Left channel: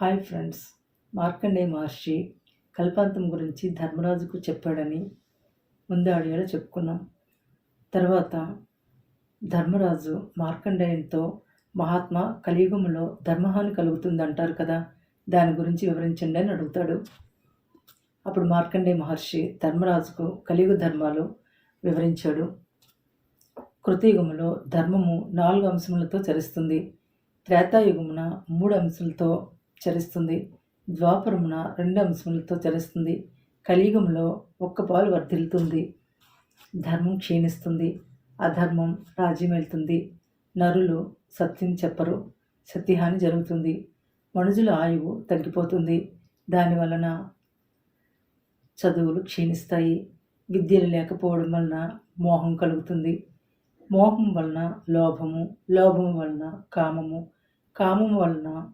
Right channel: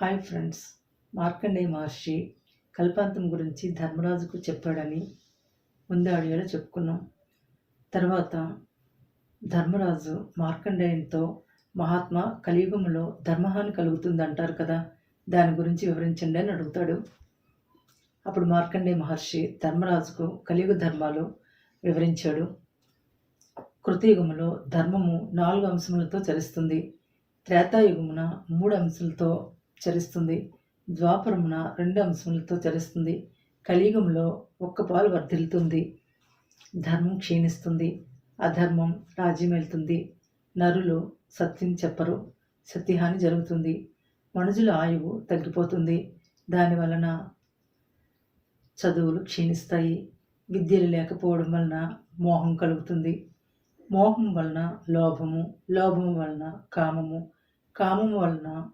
Hi friends. Markandeya Maharshi కల్పాంతం గురించి ధర్మరాజుకు చెప్పాడని ముందు ఆడియోలో చెప్పుకున్నాం. తర్వాత ధర్మరాజు మార్కండేయంతో మహాత్మా కలియుగంలో ధర్మహాని కలుగుతుంది అంటారు కదా దాని గురించి వివరించండి అని అడుగుతాడు. అప్పుడు మార్కండేయ మహర్షి ధర్మరాజుకు కలియుగ ధర్మాలు వివరించాడు. కృతయుగములో ధర్మము నాలుగు అంశములతో చరిస్తుంది. త్రేతాయుగమున మూడు అంశాలతో చరిస్తుంది. ద్వాపరమున రెండు అంశములతో చరిస్తుంది. కలియుగంలో ఒక్క పాలు వర్ధిల్లుతుంది. ధర్మం క్షీణిస్తుంది. అధర్మం రాజ్యమేలుతుంది. నరులు సత్యం చెప్పరు. సత్యహాని జరుగుతుంది. మనుజుల ఆయువు తగ్గిపోతుంది. దాని వలన చదువులు క్షీణిస్తాయి. విద్యలు లేకపోవడం వలన మోహం కలుగుతుంది. మోహం వలన లోభము లోభము వలన కామము కామము వలన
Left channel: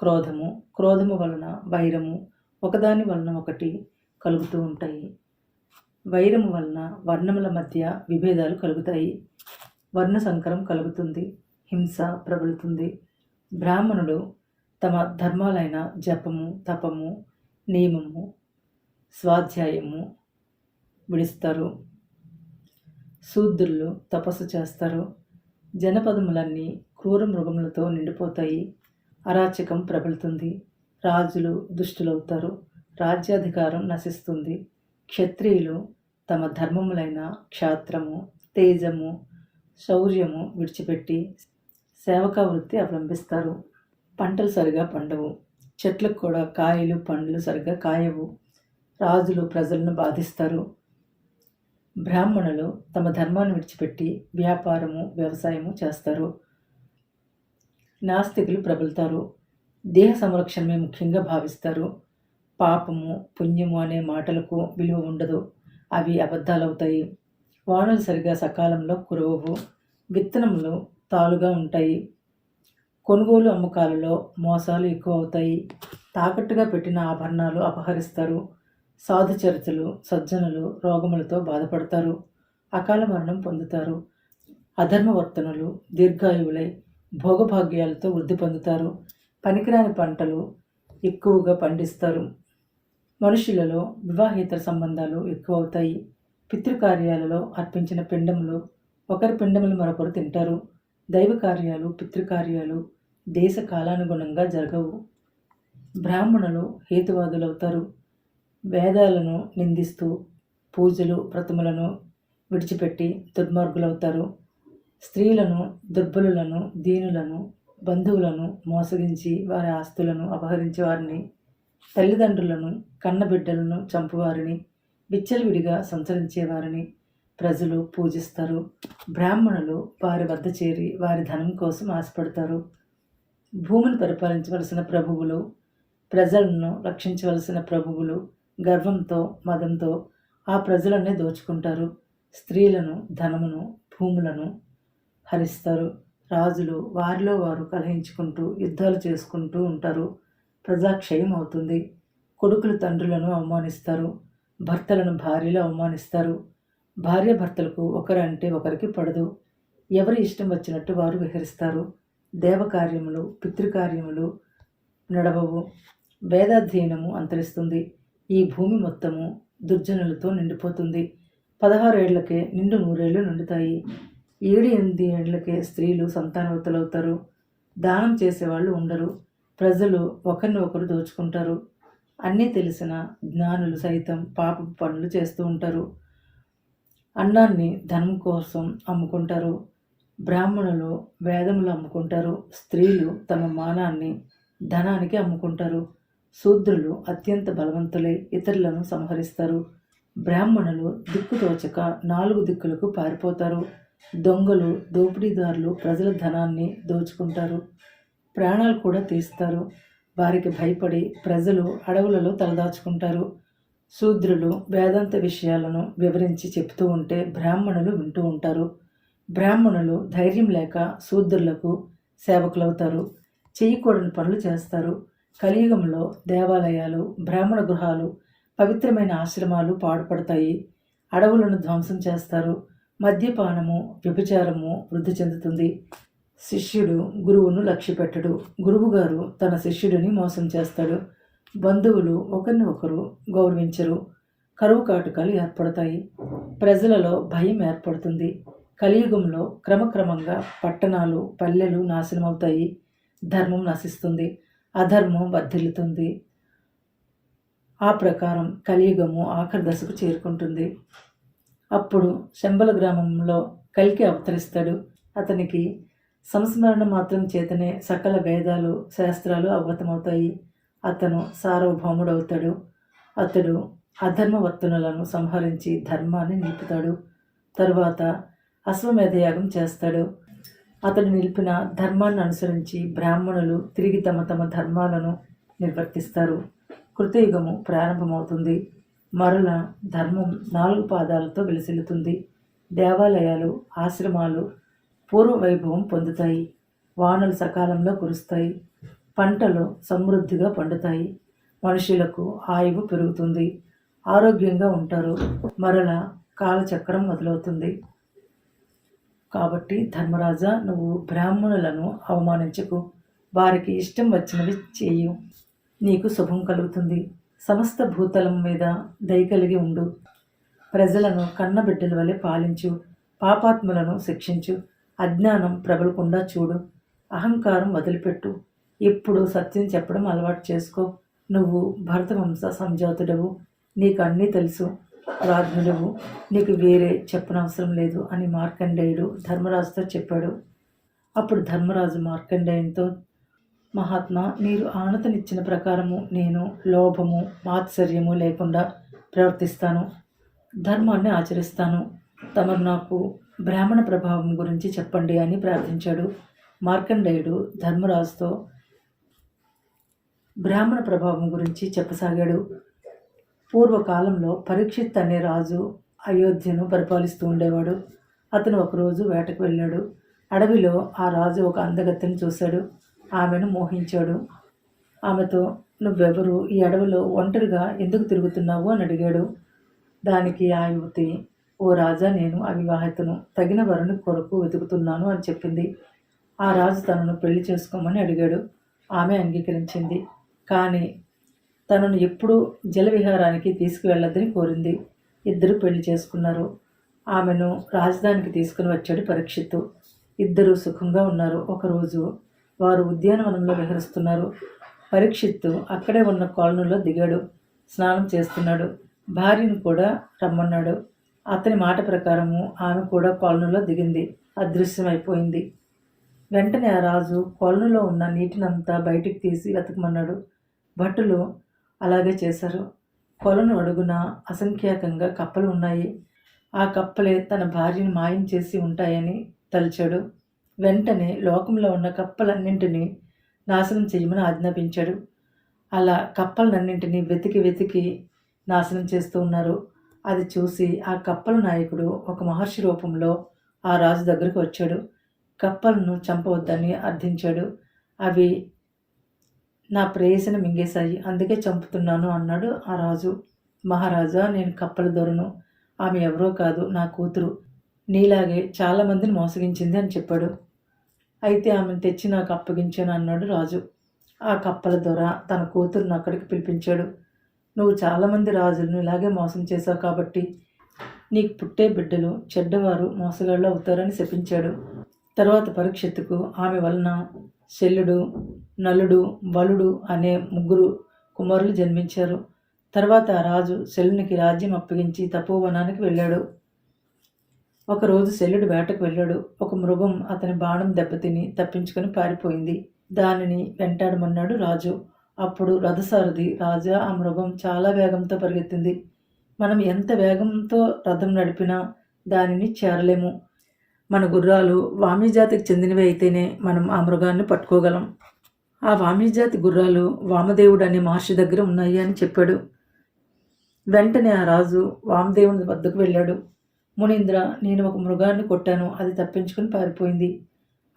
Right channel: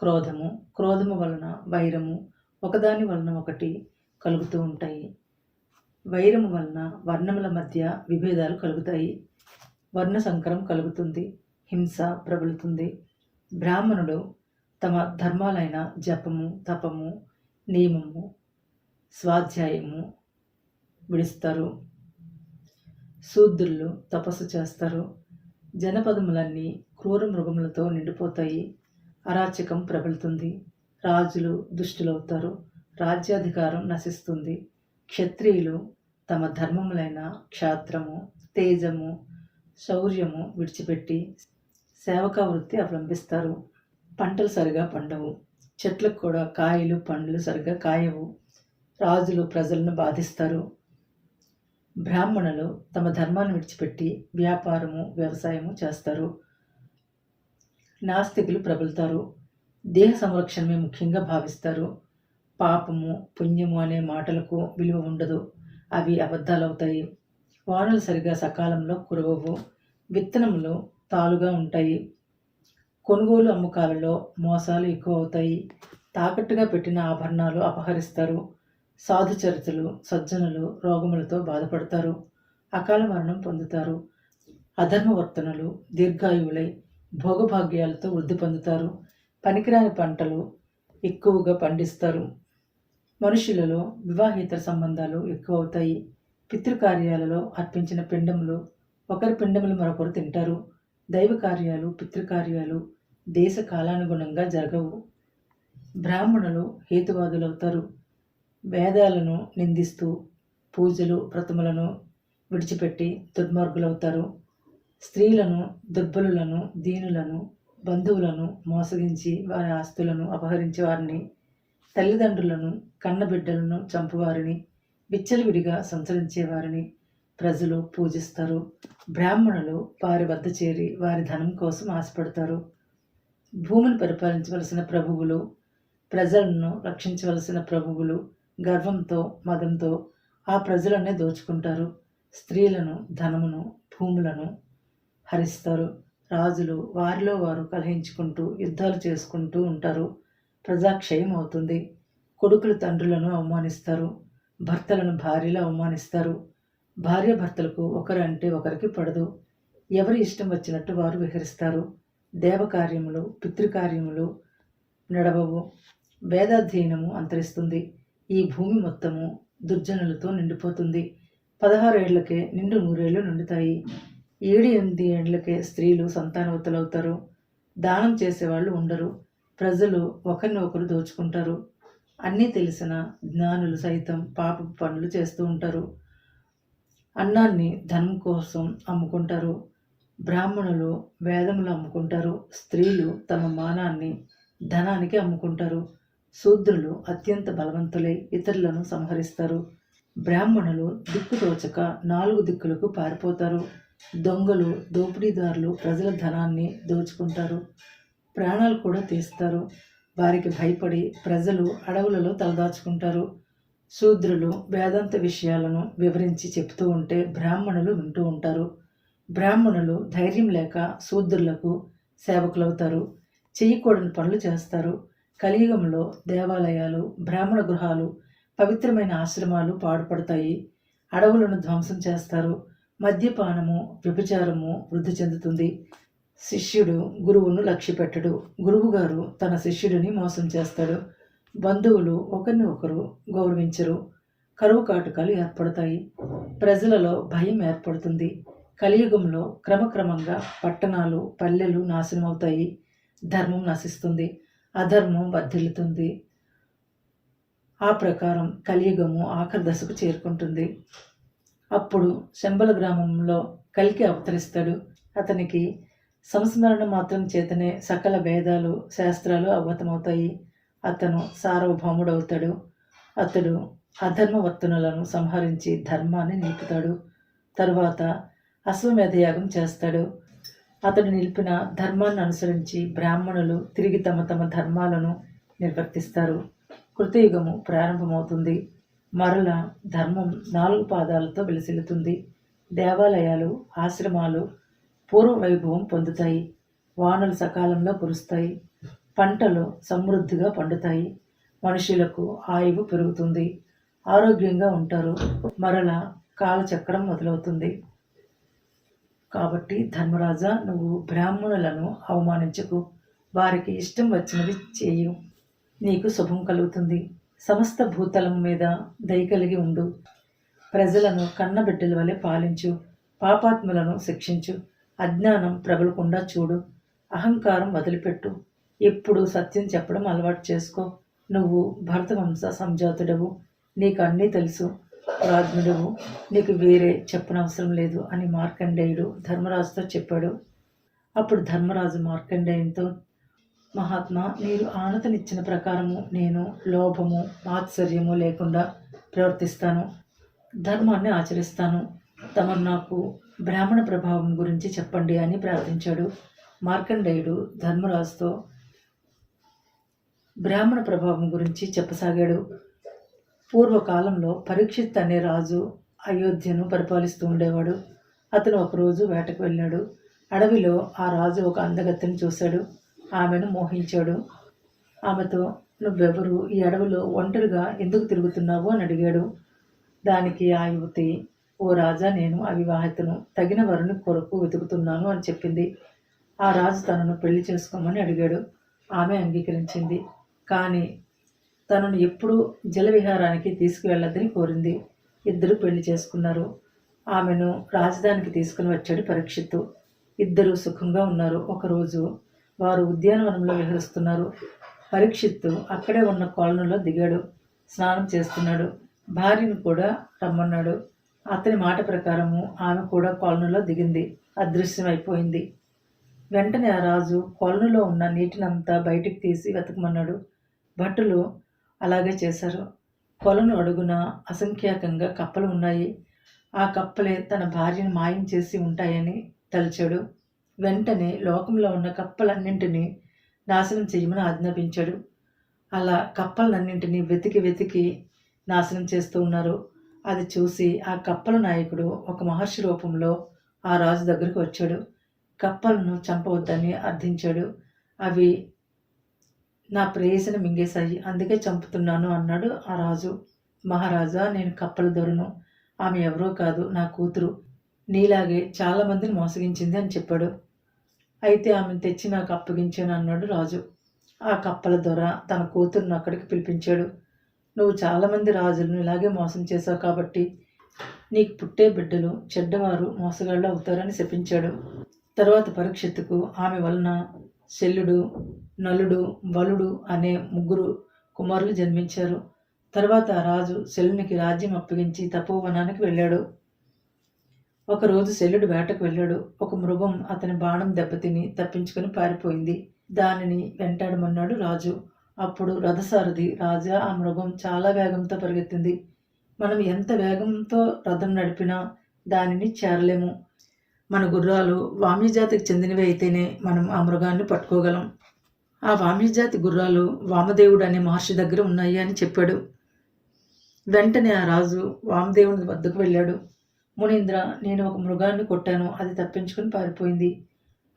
క్రోధము. క్రోధము వలన వైరము ఒకదాని వలన ఒకటి కలుగుతూ ఉంటాయి. వైరము వలన వర్ణముల మధ్య విభేదాలు కలుగుతాయి. వర్ణ సంకరం కలుగుతుంది. హింస ప్రబలుతుంది. బ్రాహ్మణుడు తమ ధర్మాలైన జపము తపము నియమము స్వాధ్యాయము విడిస్తారు. శూద్రులు తపస్సు చేస్తారు. జనపదములన్నీ క్రూర మృగములతో నిండిపోతాయి. అరాచకం ప్రబలుతుంది. రాజులు దుష్టులవుతారు. రాజ్యాధికారం నశిస్తుంది. క్షత్రియులు తమ ధర్మములైన క్షాత్రము తేజము శౌర్యము విడిచిపెట్టి సేవకా వృత్తి అవలంబిస్తారు. పంటలు సరిగా పండవు. చెట్లకు కూడా కాయలు పండ్లు సరిగా కాయవు. రాజులు ప్రజలను బాధిస్తారు. బ్రాహ్మణులు తమ ధర్మాన్ని విడిచిపెట్టి వ్యాపారము వ్యవసాయము చేస్తారు. నాస్తికులు ప్రబలుతారు. దేహ సంరక్షణమే ముఖ్యంగా భావిస్తారు. పాపము పుణ్యము అనే మాటలకు విలువ ఉండదు. అవి అబద్ధాలవుతాయి. వానలు సరిగా సకాలంలో కురవవు. విత్తనములు తాలుగా ఉంటాయి. కొనుగోలు అమ్మకాలలో మోసాలు ఎక్కువ అవుతాయి తాకట్టుగా పెట్టిన ఆభరణాలు అపహరిస్తారు. సాధుచరితలు సజ్జనులు రోగములతో బాధపడతారు. అకాల మరణం పొందుతారు. అధర్మవర్తనులు దీర్ఘాయువులై భోగభాగ్యాలతో వృద్ధి పొందుతారు. పనికిరాని పంటలు ఎక్కువగా పండిస్తారు. మనుషులలో వివాహేతర సంబంధాలు ఎక్కువ అవుతాయి పితృకార్యాలలో అర్పించిన పిండములు ఒకరి పిండములు మరొకరు తింటారు. దైవ కార్యాలు పితృకార్యాలు దేశ కాలానుగుణంగా జరగవు. బ్రాహ్మణులు హేతువాదులవుతారు. వేదాలను నిందిస్తూ పూజలు ప్రతిమలను విడిచిపెట్టి దుర్మార్గులవుతారు. స్త్రీలను దుర్బలులను దీనులను బంధువులను మోసగించి వారి ఆస్తులను అపహరించి వారిని తల్లిదండ్రులను కన్నబిడ్డలను చంపువారిని విచ్చలవిడిగా సంచరించేవారిని ప్రజలు పూజిస్తారు. బ్రాహ్మణులు వారి వద్ద చేరి వారి ధనం కోసం ఆశపడతారు. భూమిని పరిపాలించవలసిన ప్రభువులు ప్రజలను రక్షించవలసిన ప్రభువులు గర్వంతో మదంతో ఆ ప్రజలనే దోచుకుంటారు. స్త్రీలను ధనమును భూములను హరిస్తారు. రాజులు వారిలో వారు కలహించుకుంటూ యుద్ధాలు చేసుకుంటూ ఉంటారు. ప్రజాక్షయం అవుతుంది. కొడుకులు తండ్రులను అవమానిస్తారు. భర్తలను భార్యలు అవమానిస్తారు. భార్య భర్తలకు ఒకరు అంటే ఒకరికి పడదు. ఎవరి ఇష్టం వచ్చినట్టు వారు విహరిస్తారు. దేవకార్యములు పితృకార్యములు నడవవు. వేదాధ్యయనము అంతరిస్తుంది. ఈ భూమి మొత్తము దుర్జనులతో నిండిపోతుంది. పదహారేళ్ళకే నిండు నూరేళ్ళు నిండుతాయి. ఏడు ఎనిమిది ఏళ్ళకే స్త్రీలు సంతానవతలవుతారు దానం చేసేవాళ్ళు ఉండరు. ప్రజలు ఒకరిని ఒకరు దోచుకుంటారు. అన్నీ తెలిసిన జ్ఞానులు సైతం పాప పనులు చేస్తూ ఉంటారు. అన్నాన్ని ధనం కోసం అమ్ముకుంటారు. బ్రాహ్మణులు వేదములు అమ్ముకుంటారు. స్త్రీలు తమ మానాన్ని ధనానికి అమ్ముకుంటారు. శూద్రులు అత్యంత బలవంతులై ఇతరులను సంహరిస్తారు. బ్రాహ్మణులు దిక్కుతోచక నాలుగు దిక్కులకు పారిపోతారు. దొంగలు దోపిడీదారులు ప్రజల ధనాన్ని దోచుకుంటారు. ప్రాణాలు కూడా తీస్తారు. వారికి భయపడి ప్రజలు అడవులలో తలదాచుకుంటారు. శూద్రులు వేదాంత విషయాలను వివరించి చెప్తూ ఉంటే బ్రాహ్మణులు వింటూ ఉంటారు. బ్రాహ్మణులు ధైర్యం లేక శూద్రులకు సేవకులవుతారు. చేయకూడని పనులు చేస్తారు. కలియుగంలో దేవాలయాలు బ్రాహ్మణ గృహాలు పవిత్రమైన ఆశ్రమాలు పాడుపడతాయి. అడవులను ధ్వంసం చేస్తారు. మద్యపానము వ్యభిచారము వృద్ధి చెందుతుంది. శిష్యుడు గురువును లక్ష్యపెట్టడు గురువుగారు తన శిష్యుడిని మోసం చేస్తాడు. బంధువులు ఒకరిని ఒకరు గౌరవించరు. కరువు కాటకాలు ఏర్పడతాయి. ప్రజలలో భయం ఏర్పడుతుంది. కలియుగంలో క్రమక్రమంగా పట్టణాలు పల్లెలు నాశనమవుతాయి. ధర్మం నశిస్తుంది. అధర్మం వర్ధిల్లుతుంది. ఆ ప్రకారం కలియుగము ఆఖరి దశకు చేరుకుంటుంది. అప్పుడు శంబల గ్రామంలో కలికి అవతరిస్తాడు. అతనికి సంస్మరణ మాత్రం చేతనే సకల వేదాలు శాస్త్రాలు అవగతమవుతాయి. అతను సార్వభౌముడవుతాడు. అతడు అధర్మవర్తనులను సంహరించి ధర్మాన్ని నిలుపుతాడు. తరువాత అశ్వమేధయాగం చేస్తాడు. అతడు నిలిపిన ధర్మాన్ని అనుసరించి బ్రాహ్మణులు తిరిగి తమ తమ ధర్మాలను నిర్వర్తిస్తారు. కృతయుగము ప్రారంభమవుతుంది. మరల ధర్మం నాలుగు పాదాలతో విలసిల్లుతుంది. దేవాలయాలు ఆశ్రమాలు పూర్వ వైభవం పొందుతాయి. వానలు సకాలంలో కురుస్తాయి. పంటలు సమృద్ధిగా పండుతాయి. మనుషులకు ఆయువు పెరుగుతుంది. ఆరోగ్యంగా ఉంటారు. మరల కాలచక్రం మొదలవుతుంది. కాబట్టి ధర్మరాజా నువ్వు బ్రాహ్మణులను అవమానించకు. వారికి ఇష్టం వచ్చినవి చేయు. నీకు శుభం కలుగుతుంది. సమస్త భూతలం మీద దయ కలిగి ఉండు. ప్రజలను కన్నబిడ్డల వలె పాలించు. పాపాత్ములను శిక్షించు. అజ్ఞానం ప్రబలకుండా చూడు. అహంకారం వదిలిపెట్టు. ఎప్పుడు సత్యం చెప్పడం అలవాటు చేసుకో. నువ్వు భరతవంశ సంజాతుడవు. నీకు అన్నీ తెలుసు. రాజ్ఞుడవు నీకు వేరే చెప్పనవసరం లేదు అని మార్కండేయుడు ధర్మరాజుతో చెప్పాడు. అప్పుడు ధర్మరాజు మార్కండేయునితో మహాత్మా మీరు ఆనతనిచ్చిన ప్రకారము నేను లోభము మాత్సర్యము లేకుండా ప్రవర్తిస్తాను. ధర్మాన్ని ఆచరిస్తాను. తమరు నాకు బ్రాహ్మణ ప్రభావం గురించి చెప్పండి అని ప్రార్థించాడు. మార్కండేయుడు ధర్మరాజుతో బ్రాహ్మణ ప్రభావం గురించి చెప్పసాగాడు. పూర్వకాలంలో పరీక్షిత్ అనే రాజు అయోధ్యను పరిపాలిస్తూ ఉండేవాడు. అతను ఒకరోజు వేటకు వెళ్ళాడు. అడవిలో ఆ రాజు ఒక అందగత్తెను చూశాడు. ఆమెను మోహించాడు. ఆమెతో నువ్వెవరు? ఈ అడవిలో ఒంటరిగా ఎందుకు తిరుగుతున్నావు? అని అడిగాడు. దానికి ఆ యువతి ఓ రాజా నేను అవివాహితను. తగిన వరుని కొరకు వెతుకుతున్నాను అని చెప్పింది. ఆ రాజు తనను పెళ్ళి చేసుకోమని అడిగాడు. ఆమె అంగీకరించింది. కానీ తనను ఎప్పుడూ జలవిహారానికి తీసుకువెళ్ళొద్దని కోరింది. ఇద్దరు పెళ్ళి చేసుకున్నారు. ఆమెను రాజధానికి తీసుకుని వచ్చాడు పరీక్షిత్తు. ఇద్దరు సుఖంగా ఉన్నారు. ఒకరోజు వారు ఉద్యానవనంలో విహరిస్తున్నారు. పరీక్షిత్తు అక్కడే ఉన్న కొలనులో దిగాడు. స్నానం చేస్తున్నాడు. భార్యను కూడా రమ్మన్నాడు. అతని మాట ప్రకారము ఆమె కూడా కొలనులో దిగింది. అదృశ్యమైపోయింది. వెంటనే ఆ రాజు కొలనులో ఉన్న నీటినంతా బయటికి తీసి వెతకమన్నాడు. భటులు అలాగే చేశారు. కొలను అడుగున అసంఖ్యాకంగా కప్పలు ఉన్నాయి. ఆ కప్పలే తన భార్యను మాయం చేసి ఉంటాయని తలిచాడు. వెంటనే లోకంలో ఉన్న కప్పలన్నింటినీ నాశనం చేయమని ఆజ్ఞాపించాడు. అలా కప్పలన్నింటినీ వెతికి వెతికి నాశనం చేస్తూ ఉన్నారు. అది చూసి ఆ కప్పల నాయకుడు ఒక మహర్షి రూపంలో ఆ రాజు దగ్గరకు వచ్చాడు. కప్పలను చంపవద్దని అర్థించాడు. అవి నా ప్రేయసిని మింగేశాయి అందుకే చంపుతున్నాను అన్నాడు ఆ రాజు. మహారాజా నేను కప్పల దొరను. ఆమె ఎవరో కాదు నా కూతురు. నీలాగే చాలామందిని మోసగించింది అని చెప్పాడు. అయితే ఆమెను తెచ్చి నాకు అప్పగించాను అన్నాడు రాజు. ఆ కప్పల దొర తన కూతురును అక్కడికి పిలిపించాడు. నువ్వు చాలామంది రాజులను ఇలాగే మోసం చేశావు కాబట్టి నీకు పుట్టే బిడ్డలు చెడ్డవారు మోసగాళ్ళు అవుతారని శపించాడు. తర్వాత పరీక్షత్తుకు ఆమె వలన శల్యుడు నలుడు బలుడు అనే ముగ్గురు కుమారులు జన్మించారు. తర్వాత రాజు శల్యునికి రాజ్యం అప్పగించి తపోవనానికి వెళ్ళాడు. ఒకరోజు శల్యుడు వేటకు వెళ్ళాడు. ఒక మృగం అతని బాణం దెబ్బతిని తప్పించుకుని పారిపోయింది. దానిని వెంటాడమన్నాడు రాజు. అప్పుడు రథసారథి రాజా ఆ మృగం చాలా వేగంతో పరిగెత్తింది. మనం ఎంత వేగంతో రథం నడిపినా దానిని చేరలేము. మన గుర్రాలు వామీజాతికి చెందినవి అయితేనే మనం ఆ మృగాన్ని పట్టుకోగలం. ఆ వామీజాతి గుర్రాలు వామదేవుడు అనే మహర్షి దగ్గర ఉన్నాయి అని చెప్పాడు. వెంటనే ఆ రాజు వామదేవుని వద్దకు వెళ్ళాడు. మునీంద్ర నేను ఒక మృగాన్ని కొట్టాను. అది తప్పించుకుని పారిపోయింది.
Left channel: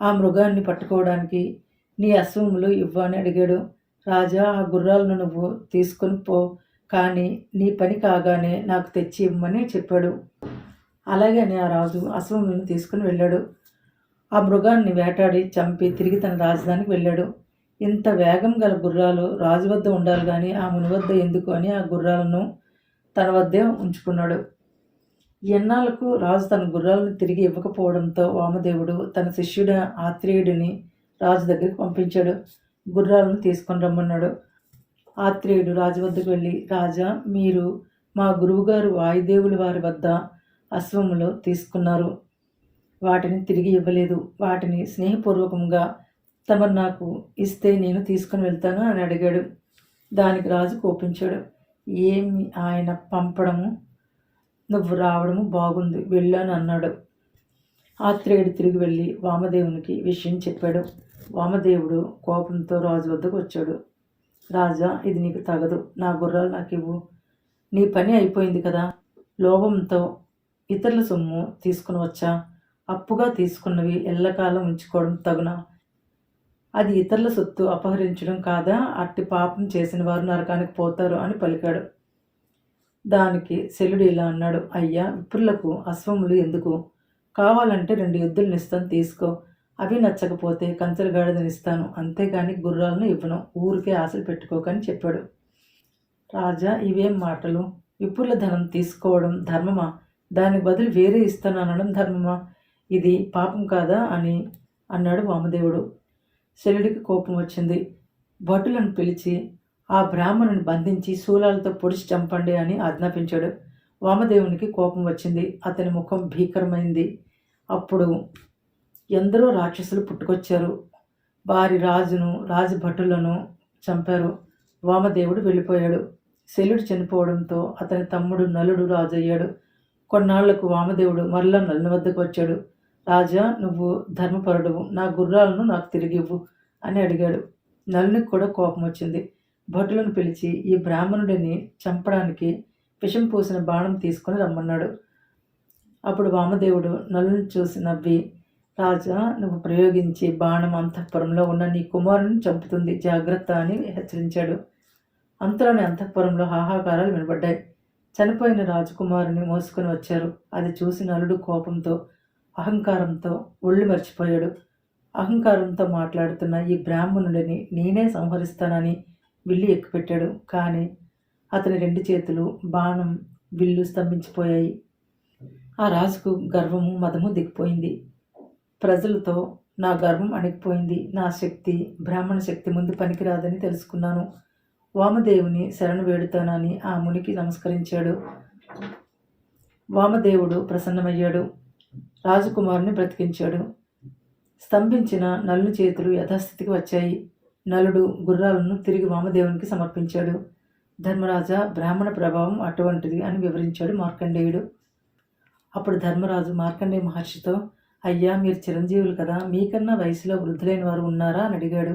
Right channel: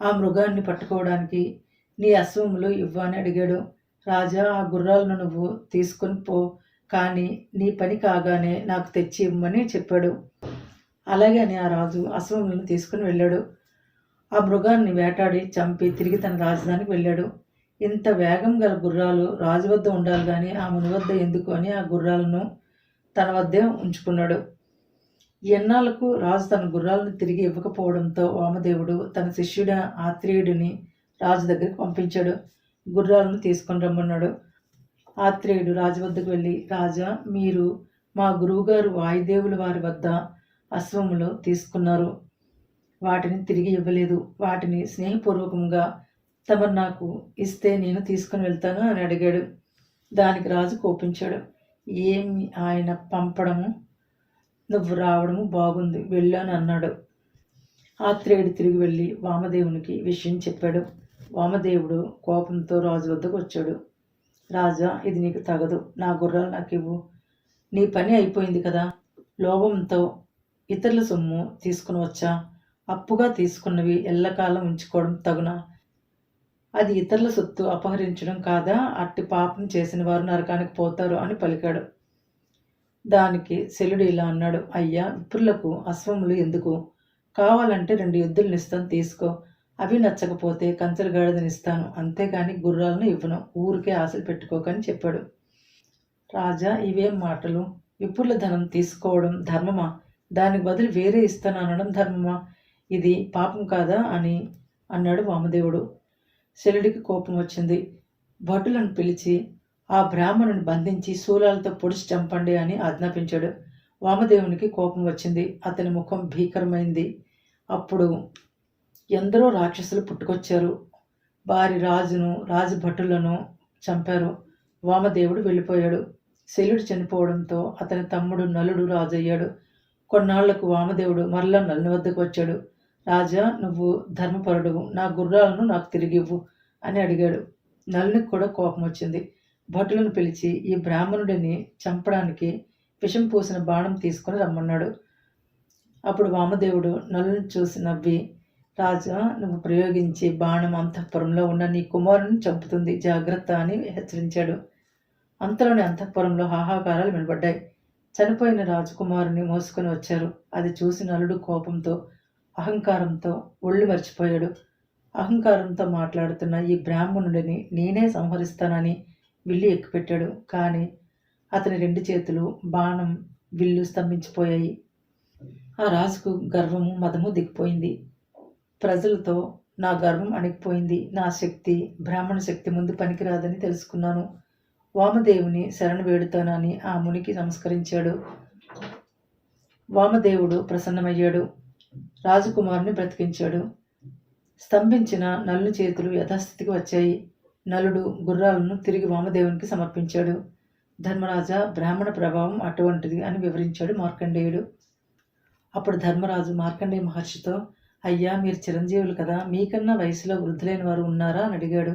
ఆ మృగాన్ని పట్టుకోవడానికి నీ అశ్వములు ఇవ్వని అడిగాడు. రాజా ఆ గుర్రాలను నువ్వు తీసుకుని పో కానీ నీ పని కాగానే నాకు తెచ్చి ఇవ్వమని చెప్పాడు. అలాగే అని ఆ రాజు అశ్వములను తీసుకుని వెళ్ళాడు. ఆ మృగాన్ని వేటాడి చంపి తిరిగి తన రాజధానికి వెళ్ళాడు. ఇంత వేగం గల గుర్రాలు రాజు వద్ద ఉండాలి కానీ ఆ ముని వద్ద ఎందుకు అని ఆ గుర్రాలను తన వద్దే ఉంచుకున్నాడు. ఎన్నాళ్ళకు రాజు తన గుర్రాలను తిరిగి ఇవ్వకపోవడంతో వామదేవుడు తన శిష్యుడు ఆత్రేయుడిని రాజు దగ్గరికి పంపించాడు. గుర్రాలను తీసుకొని రమ్మన్నాడు. ఆత్రేయుడు రాజు వద్దకు వెళ్ళి రాజా మీరు మా గురువుగారు వాయుదేవుల వారి వద్ద అశ్వములు తీసుకున్నారు. వాటిని తిరిగి ఇవ్వలేదు. వాటిని స్నేహపూర్వకంగా తమరు నాకు ఇస్తే నేను తీసుకుని వెళ్తాను అని అడిగాడు. దానికి రాజు కోపించాడు. ఏమి ఆయన పంపడము? నువ్వు రావడము బాగుంది వెళ్ళాను అన్నాడు. ఆత్రేయుడు తిరిగి వెళ్ళి వామదేవునికి విషయం చెప్పాడు. వామదేవుడు కోపంతో రాజు వద్దకు వచ్చాడు. రాజా ఇది నీకు తగదు. నా గుర్రాలు నాకు ఇవ్వు నీ పని అయిపోయింది కదా. లోభంతో ఇతరుల సొమ్ము తీసుకుని వచ్చా. అప్పుగా తీసుకున్నవి ఎల్లకాలం ఉంచుకోవడం తగునా. అది ఇతరుల సొత్తు అపహరించడం కాదా? అట్టి పాపం చేసిన వారు నరకానికి పోతారు అని పలికాడు. దానికి శలుడు ఇలా అన్నాడు అయ్యా విప్రులకు అశ్వములు ఎందుకు? కావాలంటే రెండు ఎద్దులను ఇస్తాను తీసుకో. అవి నచ్చకపోతే కంచెల గాడిదనిస్తాను అంతేగాని గుర్రాలను ఇవ్వను. ఊరికే ఆశలు పెట్టుకోకని చెప్పాడు. రాజా ఇవేం మాటలు? విపుల ధనం తీసుకోవడం ధర్మమా? దానికి బదులు వేరే ఇస్తాను అనడం ధర్మమా? ఇది పాపం కాదా అని అన్నాడు వామదేవుడు. శల్యుడికి కోపం వచ్చింది. భటులను పిలిచి ఆ బ్రాహ్మణుని బంధించి శూలాలతో పొడిచి చంపండి అని ఆజ్ఞాపించాడు. వామదేవునికి కోపం వచ్చింది. అతని ముఖం భీకరమైంది. అప్పుడు ఎందరో రాక్షసులు పుట్టుకొచ్చారు. వారి రాజును రాజభటులను చంపారు. వామదేవుడు వెళ్ళిపోయాడు. శల్యుడు చనిపోవడంతో అతని తమ్ముడు నలుడు రాజయ్యాడు. కొన్నాళ్ళకు వామదేవుడు మరలా నలుని వద్దకు వచ్చాడు. రాజా నువ్వు ధర్మపరుడువు. నా గుర్రాలను నాకు తిరిగివ్వు అని అడిగాడు. నలునికి కూడా కోపం వచ్చింది. భటులను పిలిచి ఈ బ్రాహ్మణుడిని చంపడానికి విషం పూసిన బాణం తీసుకొని రమ్మన్నాడు. అప్పుడు వామదేవుడు నలుని చూసి నవ్వి రాజా నువ్వు ప్రయోగించి బాణం అంతఃపురంలో ఉన్న నీ కుమారుని చంపుతుంది. జాగ్రత్త అని హెచ్చరించాడు. అంతలోని అంతఃపురంలో హాహాకారాలు వినబడ్డాయి. చనిపోయిన రాజకుమారుని మోసుకొని వచ్చారు. అది చూసి నలుడు కోపంతో అహంకారంతో ఒళ్ళు మర్చిపోయాడు. అహంకారంతో మాట్లాడుతున్న ఈ బ్రాహ్మణుడిని నేనే సంహరిస్తానని విల్లు ఎక్కుపెట్టాడు. కానీ అతని రెండు చేతులు బాణం విల్లు స్తంభించిపోయాయి. ఆ రాజుకు గర్వము మదము దిగిపోయింది. ప్రజలతో నా గర్వం అణిగిపోయింది. నా శక్తి బ్రాహ్మణ శక్తి ముందు పనికిరాదని తెలుసుకున్నాను. వామదేవుని శరణు వేడుతానని ఆ మునికి నమస్కరించాడు. వామదేవుడు ప్రసన్నమయ్యాడు. రాజకుమారుని బ్రతికించాడు. స్తంభించిన నల్లు చేతులు యథాస్థితికి వచ్చాయి. నలుడు గుర్రాలను తిరిగి వామదేవునికి సమర్పించాడు. ధర్మరాజా బ్రాహ్మణ ప్రభావం అటువంటిది అని వివరించాడు మార్కండేయుడు. అప్పుడు ధర్మరాజు మార్కండేయ మహర్షితో అయ్యా మీరు చిరంజీవులు కదా మీకన్నా వయసులో వృద్ధులైన వారు ఉన్నారా అని అడిగాడు.